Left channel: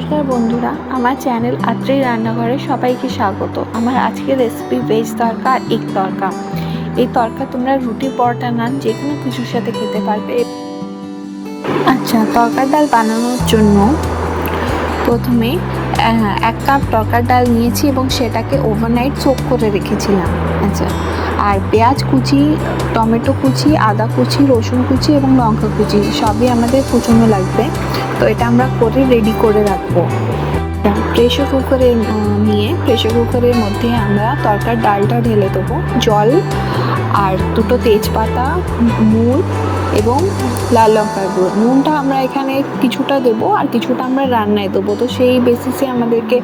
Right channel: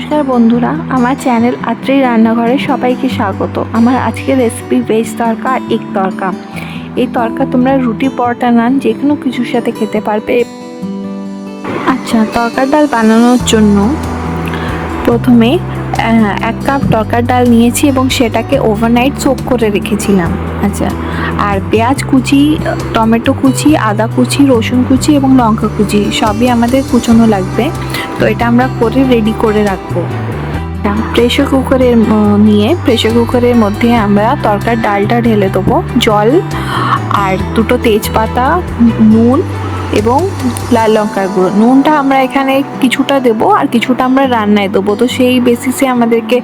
নমস্কার বন্ধুরা, আমার চ্যানেল আত্রেই রান্নাঘরে সবাইকে স্বাগত। আমার আজকের রেসিপি ভেজ তড়কা এগ তড়কা। এই তড়কা তোমরা রুটি, পরোটা, নান যে কোনো কিছুর সাথে খেতে পারবে। আচ্ছা, তড়কার ডাল বানানোর জন্য প্রথমে 1 কাপ তড়কার ডাল নিয়েছি এবং সেটাকে ওভারনাইট সোক করে রেখেছিলাম। আচ্ছা, আর পেঁয়াজ কুচি, টমেটো কুচি, আদা কুচি, রসুন কুচি এবং লঙ্কা কুচি সবই আমাদের কুচোনো লাগবে। তো এটা আমরা করে রেডি করে রাখবো। প্রেশার কুকারের মধ্যে আমরা তড়কার ডালটা ঢেলে দেবো, জল আর 2টো তেজপাতা, নুন এবং লাল লঙ্কার গুঁড়ো। নুনটা আমরা এখানে কিছুটা দেবো আর কিছুটা আমরা রান্নায় দেবো, তো সেই বেসিসে আমাদেরকে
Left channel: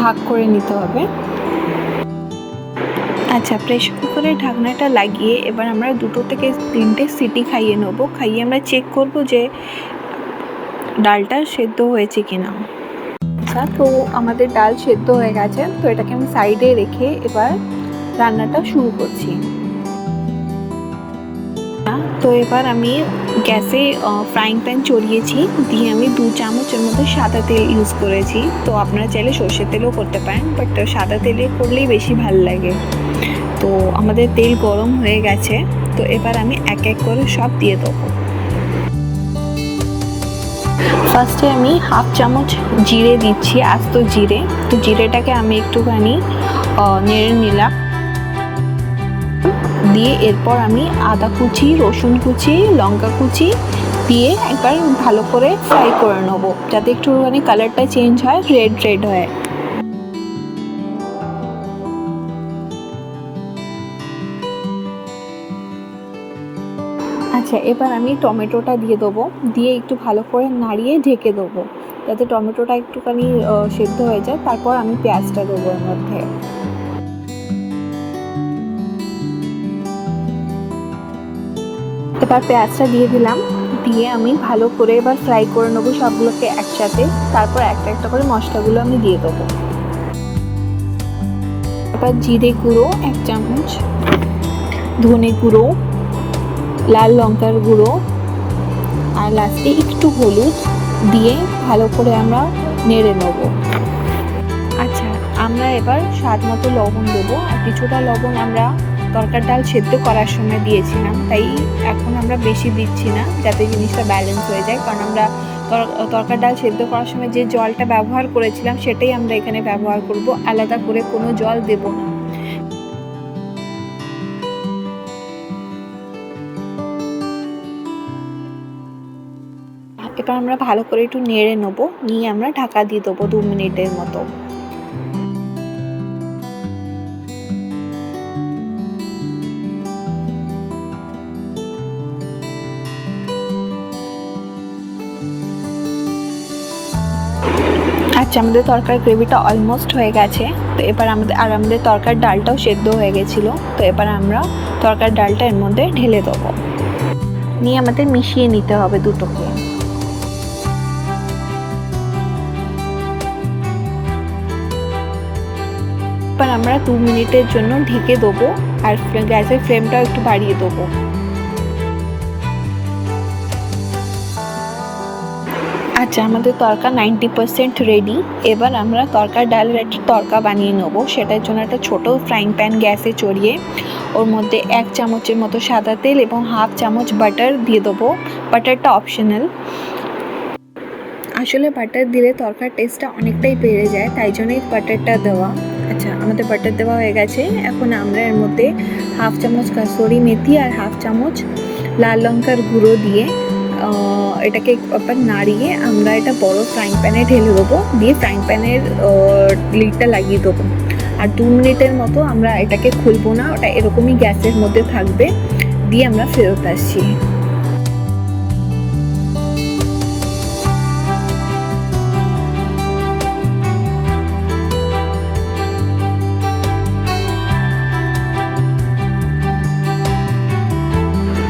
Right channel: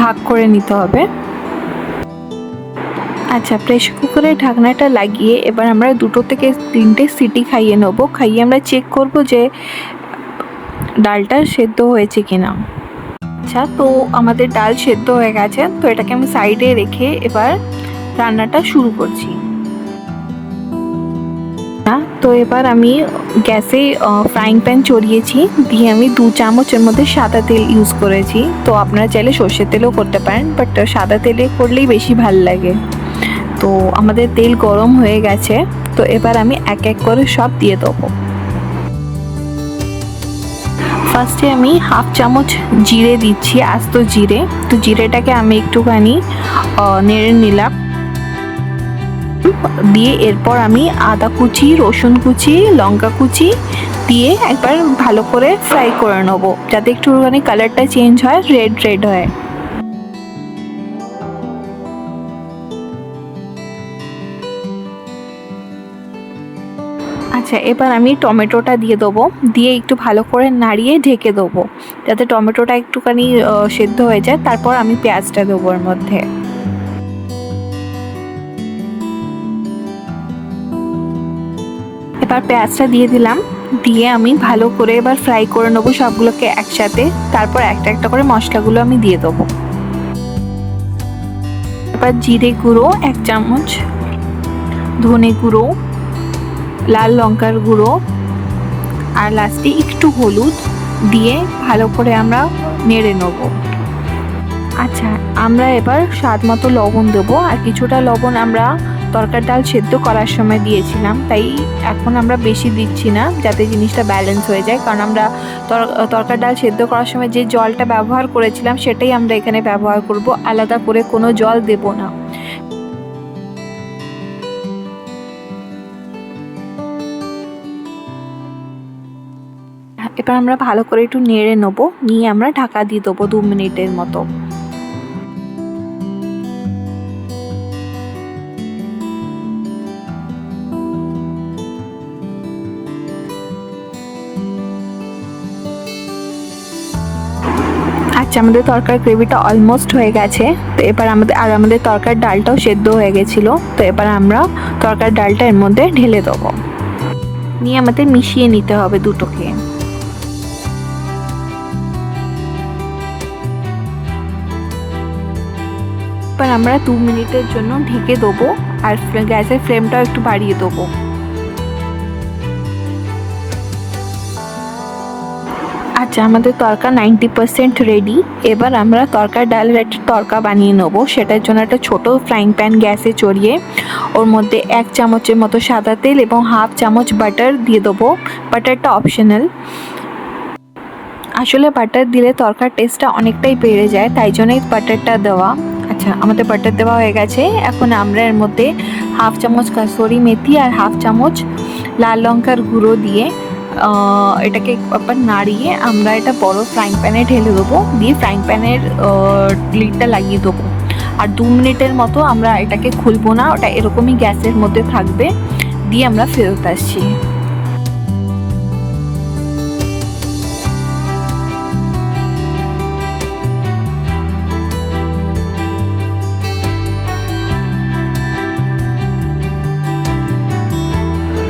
ভাগ করে নিতে হবে। আচ্ছা, প্রেশার কুকারের ঢাকনাটা লাগিয়ে এবার আমরা 2 থেকে 3টে সিটি খাইয়ে নেবো। খাইয়ে আমরা চেক করব যে ডালটা সেদ্ধ হয়েছে কিনা। আচ্ছা, তো আমাদের ডাল সেদ্ধ হয়ে গেছে, তো এটাকে আমি সাইডে রেখে এবার রান্নাটা শুরু করছি। তো এবার আমি গ্যাসে ফ্রাইং প্যান চড়িয়েছি, দিয়ে আমি 2 চামচের মধ্যে সাদা তেল ইউজ করেছি। তো আপনারা চাইলে সর্ষের তেলও করতে পারেন, বাট সাদা তেলে করলেই বেশি ভাল লাগে। তো আমাদের তেল গরম হয়ে গেছে, তো এবার আমি এক এক করে সব দিয়ে দেবো। ফার্স্টে আমি 1/2 চামচ জিরে দিচ্ছি, আস্ত জিরে। তো জিরেটাকে আমি একটুখানি নেড়ে নিলাম, দিয়ে এরপর আমি আদা কুচি, রসুন কুচি, লঙ্কা কুচি দিয়ে একবার ভালো করে ফ্রাই করে নেবো, যাতে একটুখানি কালারটা চেঞ্জ হয়, রেড হয়। আচ্ছা, এবার আমি টমেটোটা দিয়ে দেবো, দিয়ে একটু ভালো করে নাড়িয়ে ঢেকে দেবো যাতে টমেটোটা একটুখানি সেদ্ধ হয়ে যায়। তারপর আমি পেঁয়াজটা দেবো এর মধ্যে। এবার পেঁয়াজটা দিয়ে দিলাম, দিয়ে আমি ভালো করে এবার ফ্রাই করে নেবো সবগুলোকে একসাথে। তারপর একটা একটা করে মশলাগুলো আমি দিয়ে দেবো। এবার জিরে গুঁড়ো 1 চামচ, ধনে গুঁড়ো, লাল লঙ্কার গুঁড়ো আর লাস্টে একটু হলুদ দিয়ে ভালো করে আমরা নেড়ে নেব। আচ্ছা, আমরা এবার স্বাদ মতো লবণ দেবো, আর কিছুটা লবণ আমরা তড়কার ডাল সেদ্ধ করার সময় দিয়েছিলাম, তাই এখন আমরা বেশি দিচ্ছি না, যাতে জিনিসটা ব্যালেন্স হয়ে যায়। কারণ আমরা তড়কার ডাল সেদ্ধ করার সময় যে জলটা ব্যবহার করেছিলাম সেটাই আমরা এখানে ব্যবহার করব, আলাদা করে কোনো জল দেব না। এবার আমরা ভালো করে একটু নেড়ে নেবো, নিয়ে আমরা ঢাকা দিয়ে দেবো 2 মিনিটের মতো। আচ্ছা, আমাদের তরকার গ্রেভিটা অলমোস্ট হয়ে গেছে। তো এবার আমাদের তরকার ডালটাও সেদ্ধ হয়ে গেছিলো। তো এবার আমরা তরকার ডালটা এর মধ্যে ঢেলে দেবো, নিয়ে আমাদের মিশিয়ে নিতে হবে দুটোকে। এবার আমরা 2 মিনিটের জন্য ঢেকে দেবো, আর গ্যাসের ফ্লেমটাও একটু বাড়িয়ে দেবো। আচ্ছা, আমাদের তরকা 90% রেডি। এবার আমরা তরকার ডালের একটা তরকা বানিয়ে নেবো। সেটার জন্য একটা ছোটো ফ্রাইং প্যান গ্যাসে চড়িয়ে ওর মধ্যে 1 চামচের মতো সাদা তেল এবং 1/2 চামচ বাটার দিয়ে দেবো। বাটারটা অপশনাল, আসলে বাটার দিলে তরকার টেস্টটা অনেকটাই বেড়ে যায়, তাই জন্যই বাটারটা দেওয়া। আচ্ছা, আমাদের বাটার দেওয়া হয়ে গেছে। এখন আমরা এর মধ্যে 1/2 চামচ কাসুরি মেথি আর 1/2 চামচ লাল লঙ্কার গুঁড়ো দিয়ে এটাকে একবার নাড়িয়ে আমরা এটা বড় ফ্রাইং প্যানে ঢেলে দেবো, দিয়ে ফ্রাইং প্যানের লিডটা লাগিয়ে দেবো। আর 2 মিনিটের মতো আমরা এটাকে খুলবো না, ওটা এরকমই গ্যাসের মধ্যে থাকবে, দিয়ে আমরা ফেরত আসছি।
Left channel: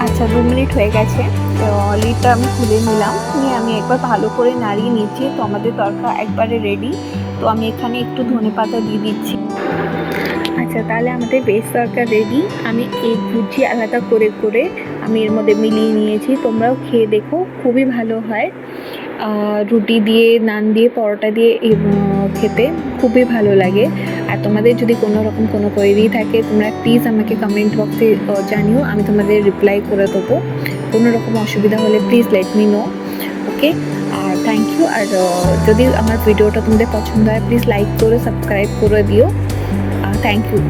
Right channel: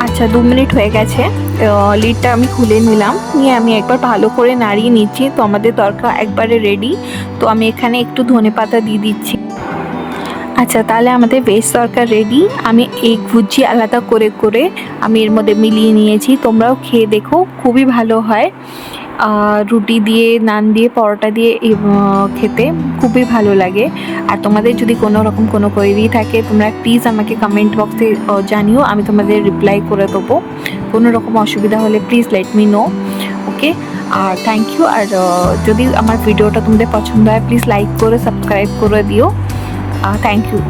আচ্ছা, 2 মিনিট হয়ে গেছে। লিডটা আমি খুলে নিলাম, নিয়ে আমি একবার ভালো করে নাড়িয়ে নিচ্ছি। তো আমাদের তরকা একবারে রেডি। তো আমি এখানে একটু ধনেপাতা দিয়ে দিচ্ছি। আচ্ছা, তাহলে আমাদের ভেজ তরকা রেডি। আমি এগ ভুজি আলাদা করে করে আমি এর মধ্যে মিলিয়ে নিয়েছি, তোমরাও খেয়ে দেখো, খুবই ভালো হয়। রুটি দিয়ে, নান দিয়ে, পরোটা দিয়ে খেতে খুবই ভালো লাগে। আর তোমাদের যদি কোনো রকম কোনো কোয়েরি থাকে তোমরা প্লিজ আমাকে কমেন্ট বক্সে জানিও, আমি তোমাদের রিপ্লাই করে দেবো। কোনো রকম অসুবিধা হলে please let me know, okay. আর থ্যাংক ইউ। আর যদি আমার ভিডিওটা তোমাদের পছন্দ হয় প্লিজ লাইক করে সাবস্ক্রাইব করে দিও। Thank you.